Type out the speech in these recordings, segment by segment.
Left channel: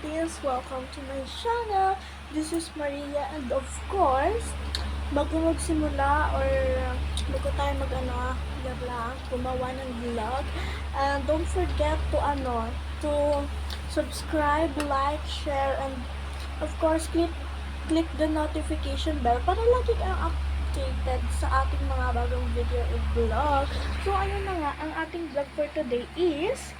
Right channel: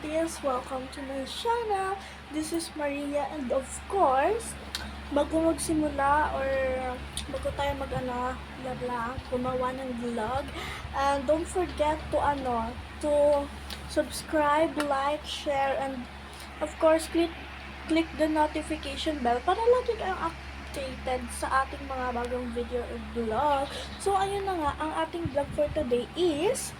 Philippines! Welcome to my channel. This is Maria and of course, bago magsimula or bago tayo gumawa ng vlog, and don't forget to to subscribe, like, share, and of course click the notification bell para lagi kayong updated sa ating mga bagong video o vlog. So ayun na nga, ang ating vlog for today is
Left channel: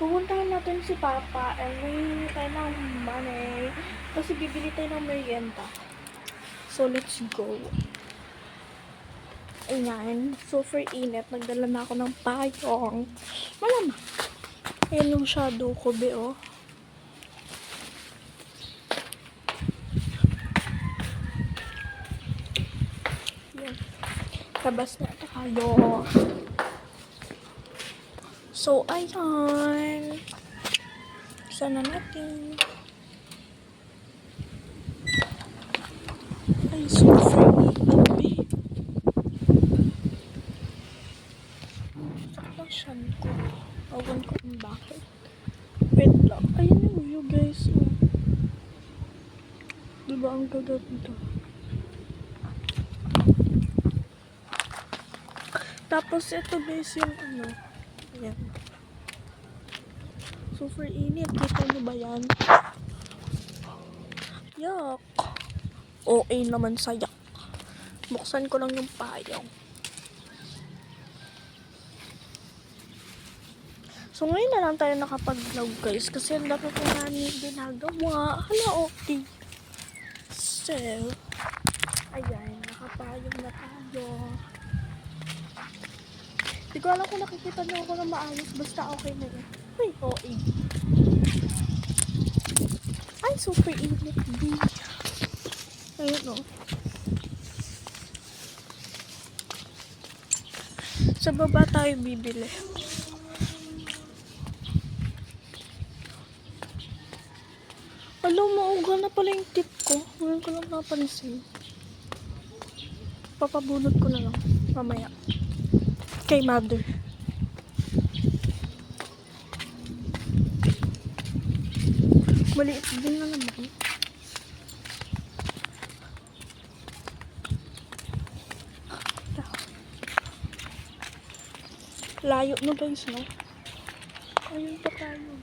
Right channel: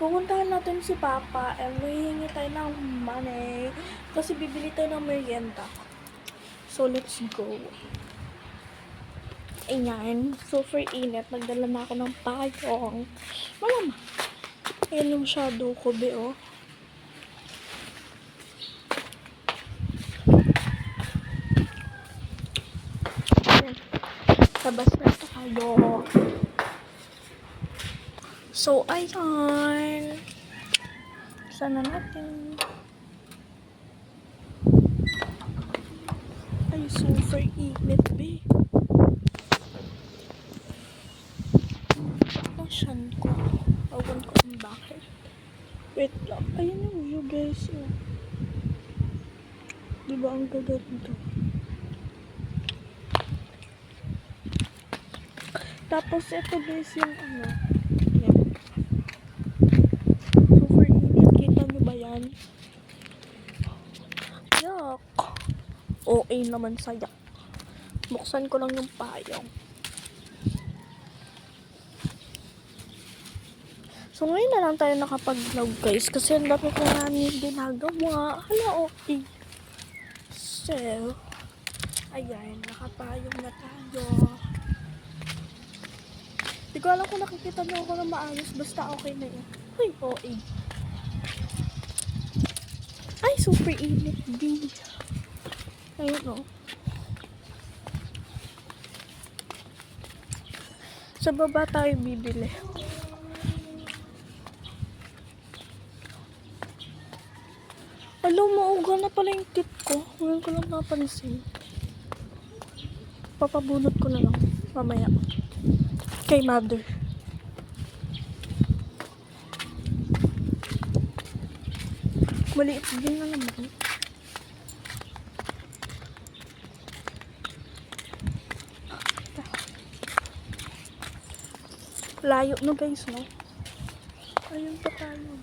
pupuntahan natin si Papa and mahihingi tayo ng money kasi bibili tayo ng merienda. So, let's go. Ayan. Super init. Nagdala na ako ng payong. Malama. Ayan yung shadow ko, be, oh. Ayan. Labas na tayo. So, ayan. Sana natin. Ay, super init, be. Nasaan ko? Awan ko kung bakit. Wait lang. Ayan yung view, guys. Oh. Diba ang gaganda? Tapos, ito guys yung Ayan. Super init. Kita nyo ba yan? Yuck. OA naman sa yak. Buksan ko lang yung payong. So, ngayon na lang tayo nakapag-vlog, guys. Kasi ang dami ko nga ginagawa. Hala, okay. So, ayan. Nakapayong na tayo. Hindi ko alam kung nakikita nyo ako na maayos. Basta okay na yan. Ay, OA. Ay, super init, B. Ayun, oh. Sa baba tayo bibili. Alam mo, uga na pala yung tip ko. Ngayon ko lang napansin. Papabunot ko na lang. Mamaya. Kay mother. Maliit din na naman. Layo no guys, no? Ayun pa tayo.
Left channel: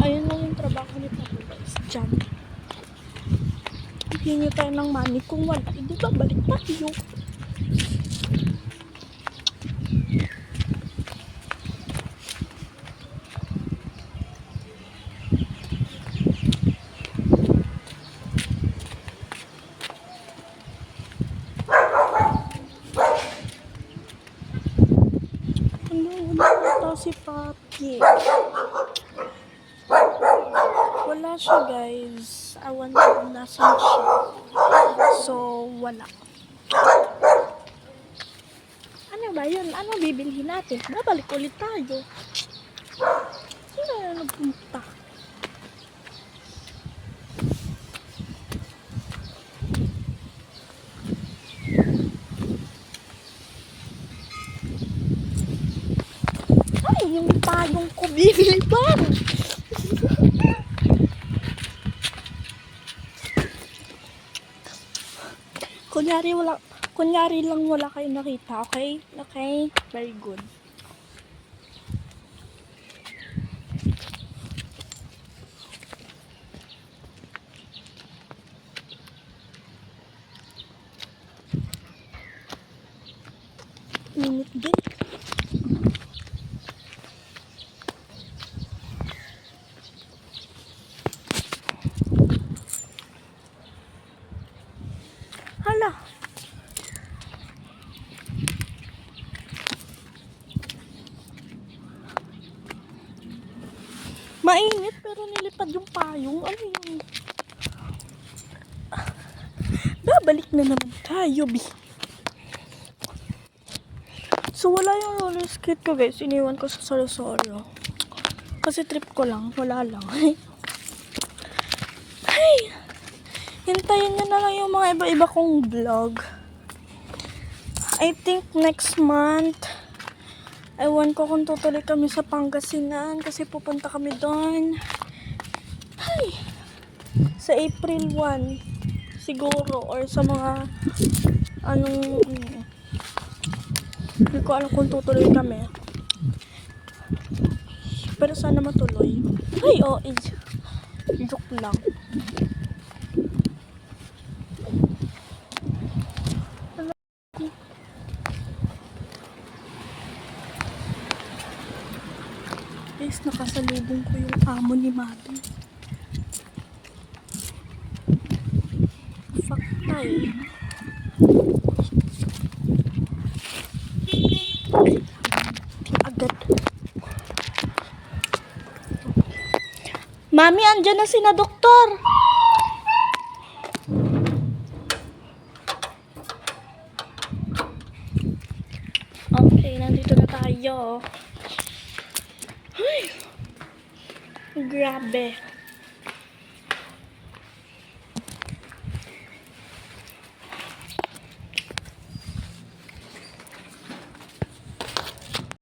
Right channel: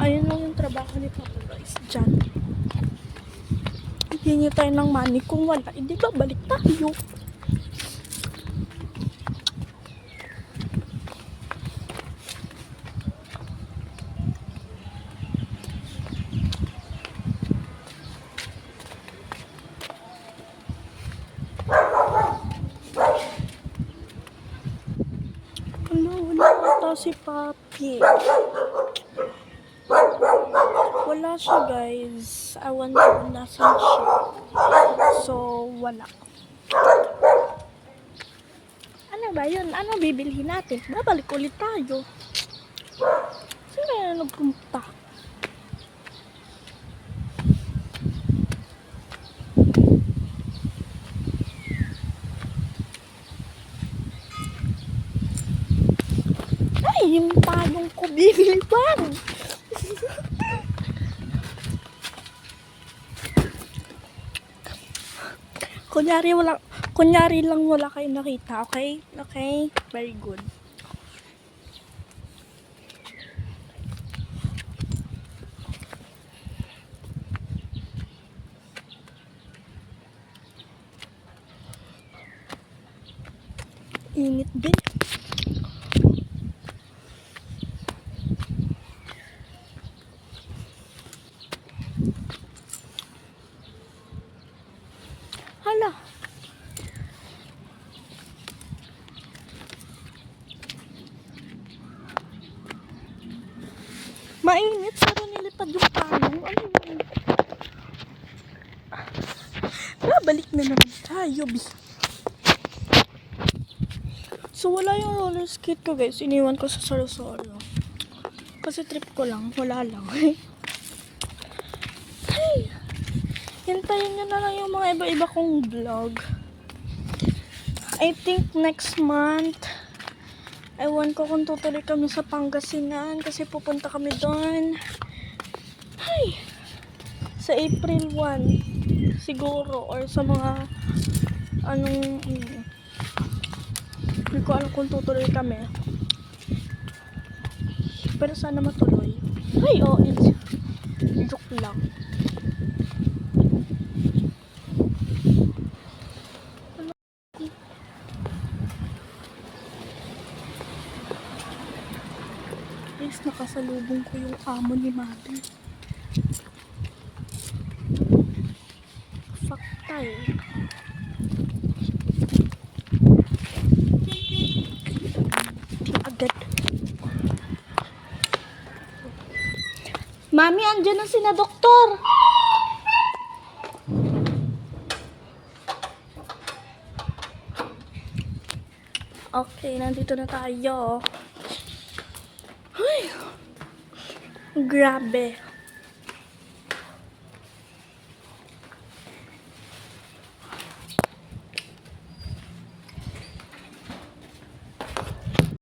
Ayun lang yung trabaho ni Papa, guys. Diyan. Hingi tayo ng money. Kung wala, hindi ba balik tayo? Wala si Papi. Wala siya, guys. Awan ko nasan siya. So, wala. Ano ba yun? Ano bibilhin natin? Babalik ulit tayo. Sino na nagpunta? Ay, yung payong ko bibili pa. Kunyari lang wala kayo nakita, okay? Okay? Very good. Init din. Hala. Mainit pero nilipad yung payong. Ano yun? Babalik na naman tayo, B. So, wala yung roller skate ko, guys. Iniwan ko sa Sorosoro. Kasi trip ko lang. Wala lang. Ay! hintayin nyo na lang yung mga iba-iba kong vlog. I think next month, ewan ko kung tutuloy kami sa Pangasinan kasi pupunta kami doon. Ay, sa April 1 siguro or sa mga hindi ko alam kung tutuloy kami. Pero sana matuloy. Ay, joke lang. Guys, nakasalubong ko yung amo ni Mother. Faktay. Agad. Mami, andyan na sina doktor. Okay, nandito na tayo. Ay, grabe.